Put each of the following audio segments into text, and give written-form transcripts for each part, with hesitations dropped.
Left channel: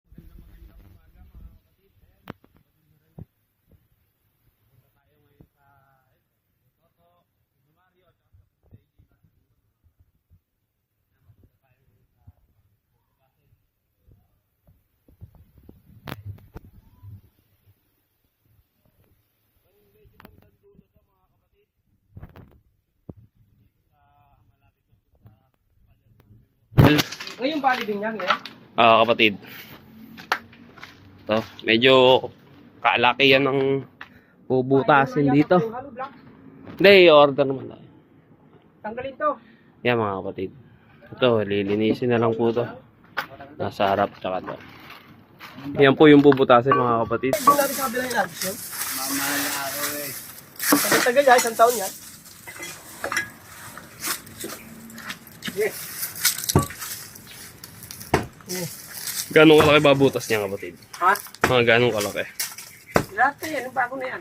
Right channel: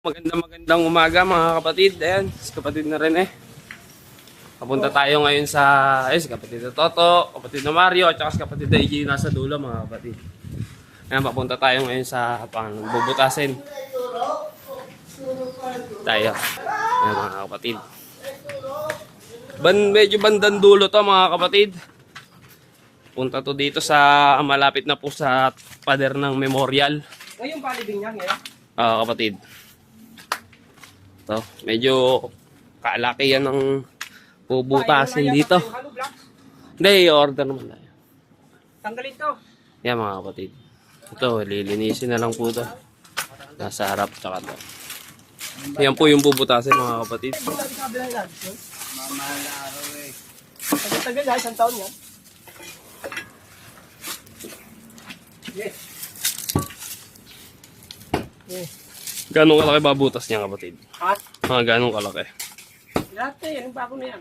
Magandang umaga mga kapatid. Ayan, si kapatid na rin eh. Papunta tayo ngayon sa si kapatid na Toto, kapatid na Mario, at saka si kapatid na EJ nasa dulo mga kapatid. Ayan, papunta tayo ngayon sa bubutasin. Tayo. Ayan mga kapatid. Medyo bandang dulo to mga kapatid. Punta to dito sa malapit na po sa pader ng memorial. Ngayon bali din yan eh. Kapatid. To, medyo kalaki yan ng bubutasin dito. Hindi, order naman tayo. Tanggalin to. Yan mga kapatid. Ito, lilinisin na lang po to. Nasa harap tsaka to. Yan po yung bubutasin mga kapatid. Hindi natin sa kabila ilan. Tagal yan, isang taon yan. Yes. Ganong kalaki babutas niya kapatid? Ha? Mga ganong kalaki? Lahat eh, anong bago na yan?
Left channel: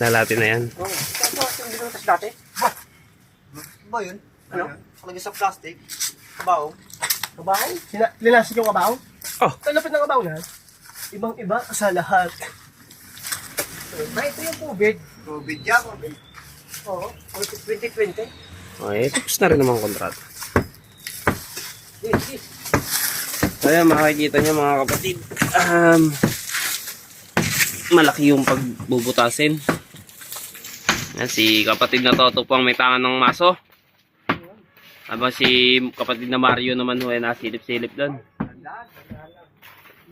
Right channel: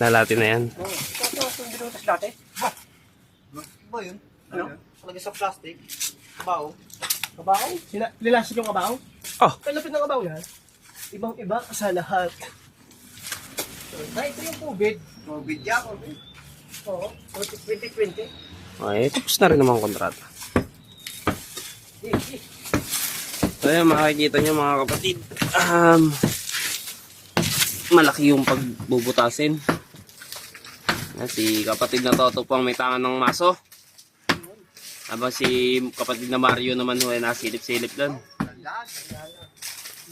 Nalati na yan. Oo. Ito, hindi ko natas dati. Ba yun? Ano? Lagi sa plastic. Baong. Kabaw? Linasig yung kabaw? Oh. Talapit ng kabaw na. Ibang-iba sa lahat. Ito yung COVID. COVID yan, COVID. Oo. 2020. Okay, tapos na rin naman ang kontrata. So yan, makikita nyo mga kapatid. Malaki yung pagbubutasin. Yan, si kapatid na Toto po ang may tangan ng maso. Habang si kapatid na Mario naman ho ay nasilip-silip doon.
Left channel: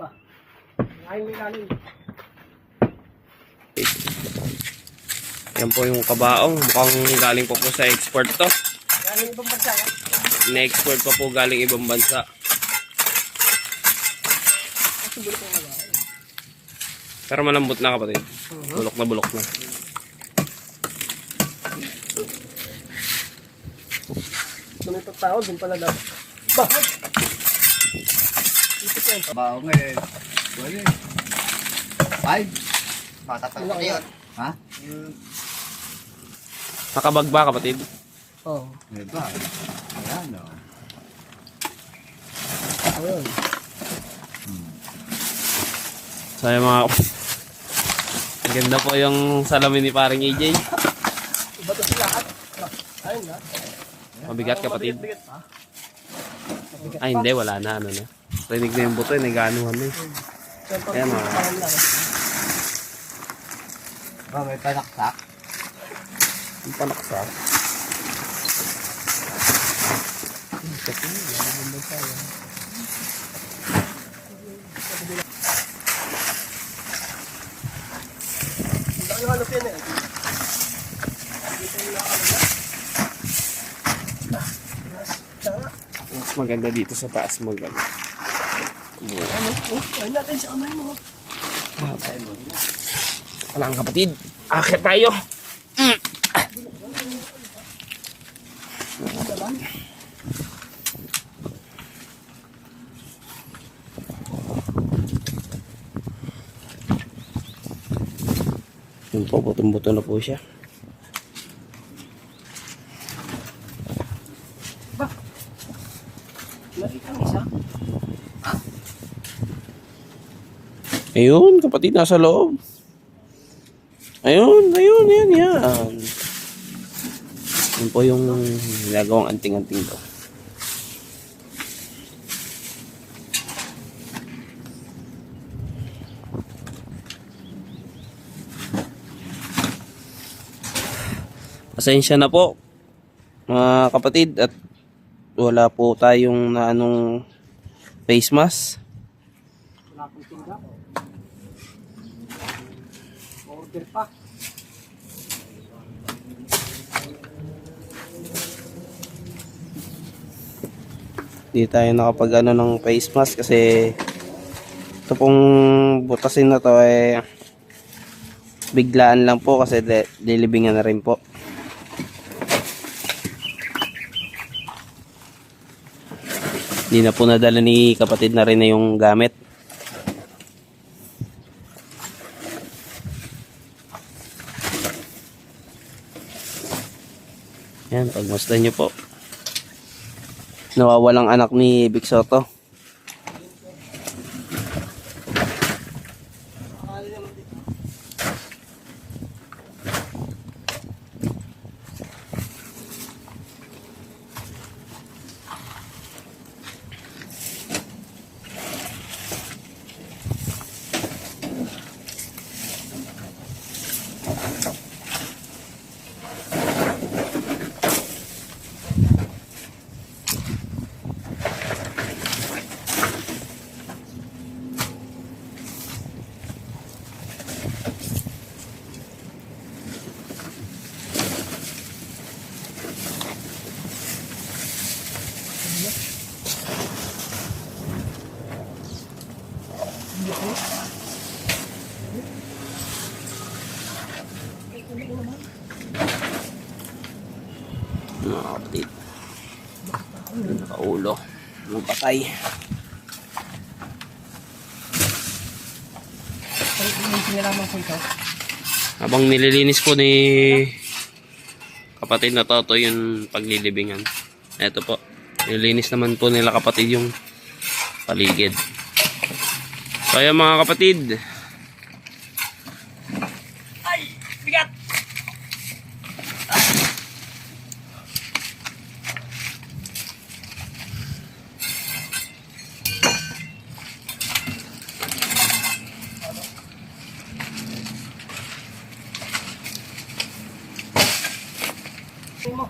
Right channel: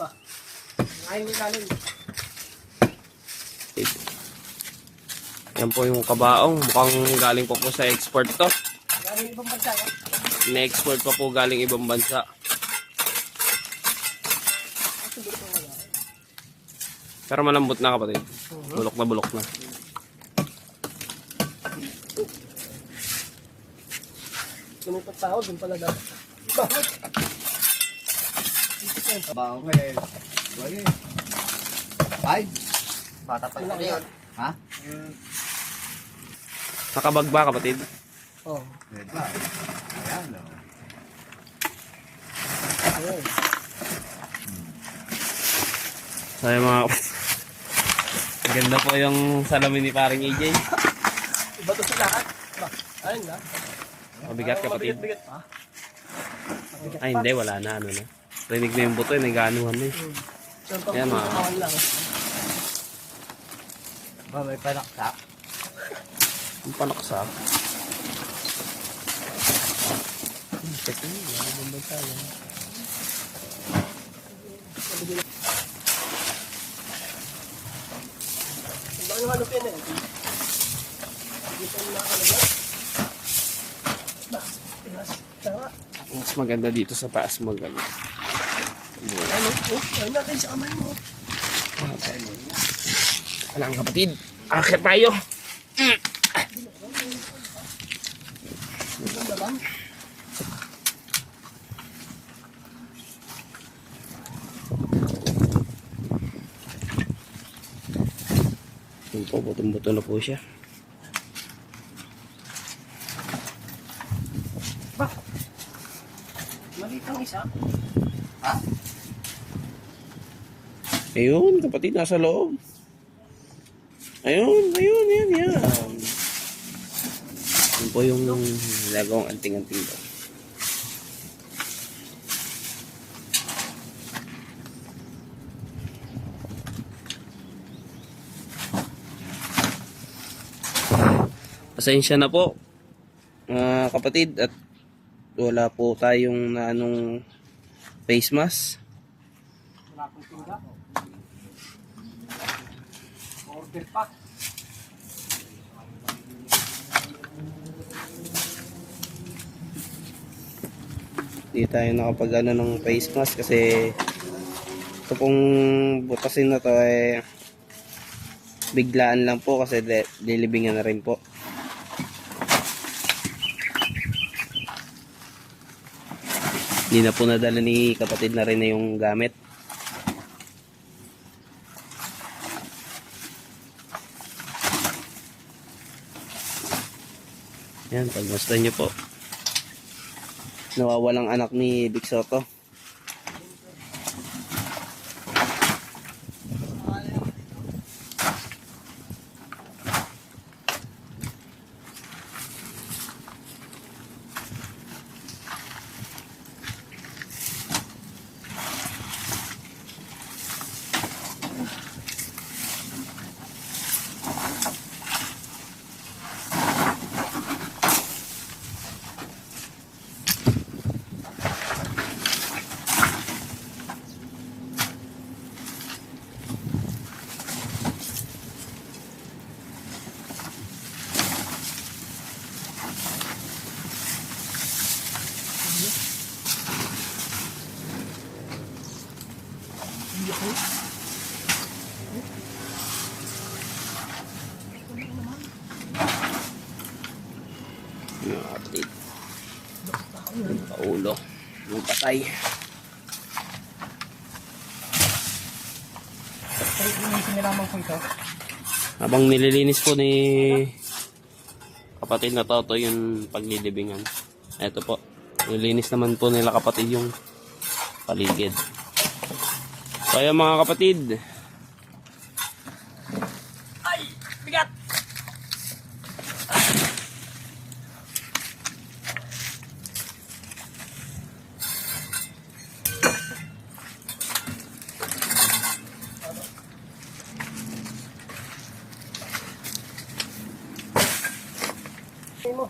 Ba? Ngayon mo galing. Yan po yung kabaong. Mukhang galing pa po sa export to. Galing ibang bansa ka? Na-export pa po galing ibang bansa. Pero malambot na kapatid. Bulok na bulok na. Ganitong tao, doon pala dapat. Ba? Baong eh. Ba yun? Ay. Bata pa lang yun. Ha? Nakabag ba kapatid? Oo. Ito. Ayan o. Ayun. So yung mga ganda po yung salamin ni paring EJ. Iba to sila ha? Ayun na. Mabigat kapatid. Bigat ha? Ay hindi, wala na ano na. Rinig na yung buto, naganuhan na eh. Ayan mga. Ba may panaksak? Ang panaksak. Ang halop yan eh. Mas maganda dito sa taas maganda. Ano natin sa kamay mo? Wala ang kapatid. Akit tayo. Yun po, butong-buto na po siya. Ba? Nakita ang isa? Ayun, kapatid, nasa loob. Ayun, yan. Yun po yung nagawang anting-anting to. Pasensya na po, mga kapatid, at wala po tayong na anong face mask. Wala pong tinda. Order pa. Hindi tayo nakapag ano ng face mask kasi ito pong butasin na to eh biglaan lang po kasi dilibingan na rin po. Hindi na po nadala ni kapatid na rin na yung gamit. Yan, pagmasdan nyo po. Nawawalang anak ni Big Soto. Mga kapatid. Nakaulo. Mga patay. Ay, yung sinalaman ko ito. Habang nililinis po ni kapatid na Toto yung paglilibingan. Ito po. Nililinis naman po nila kapatid yung paligid. So ayan mga kapatid. Ay, bigat! Mo.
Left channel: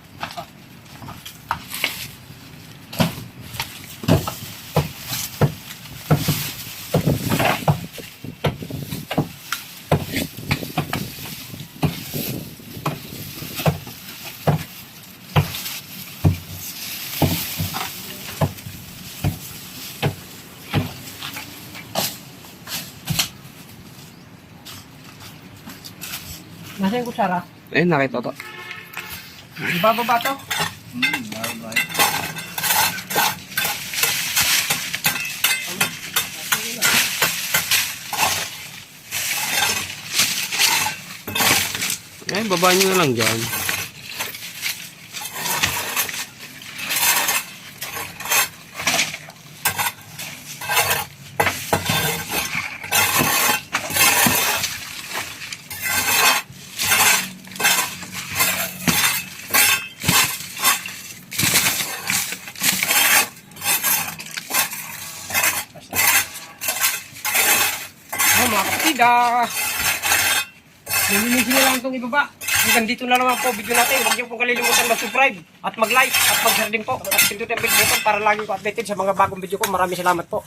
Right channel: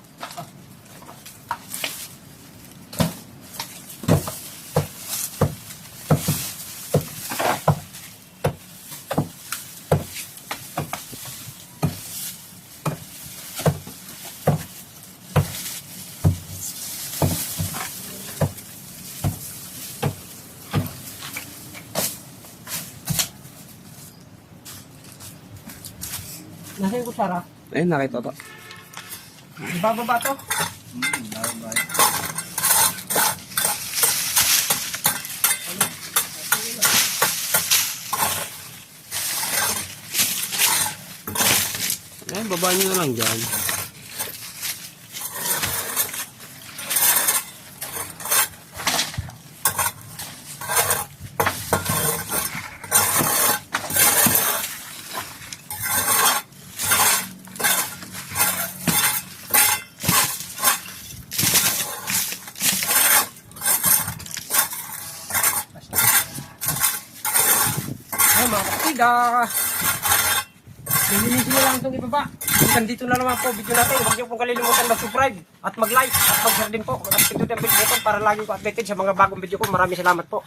Nasa yung kutsara? Eh nakita to. Ibababa to? Eh baba nyo na lang dyan. Ay, mga kapatid, lilinisin nyo lang itong ibaba. Hanggang dito na naman po video natin. Huwag niyo pong kalilimutan mag-subscribe at mag-like at mag-share din po. At pindutin ang bell button para lagi ko updated sa mga bagong video ko. Maraming salamat po.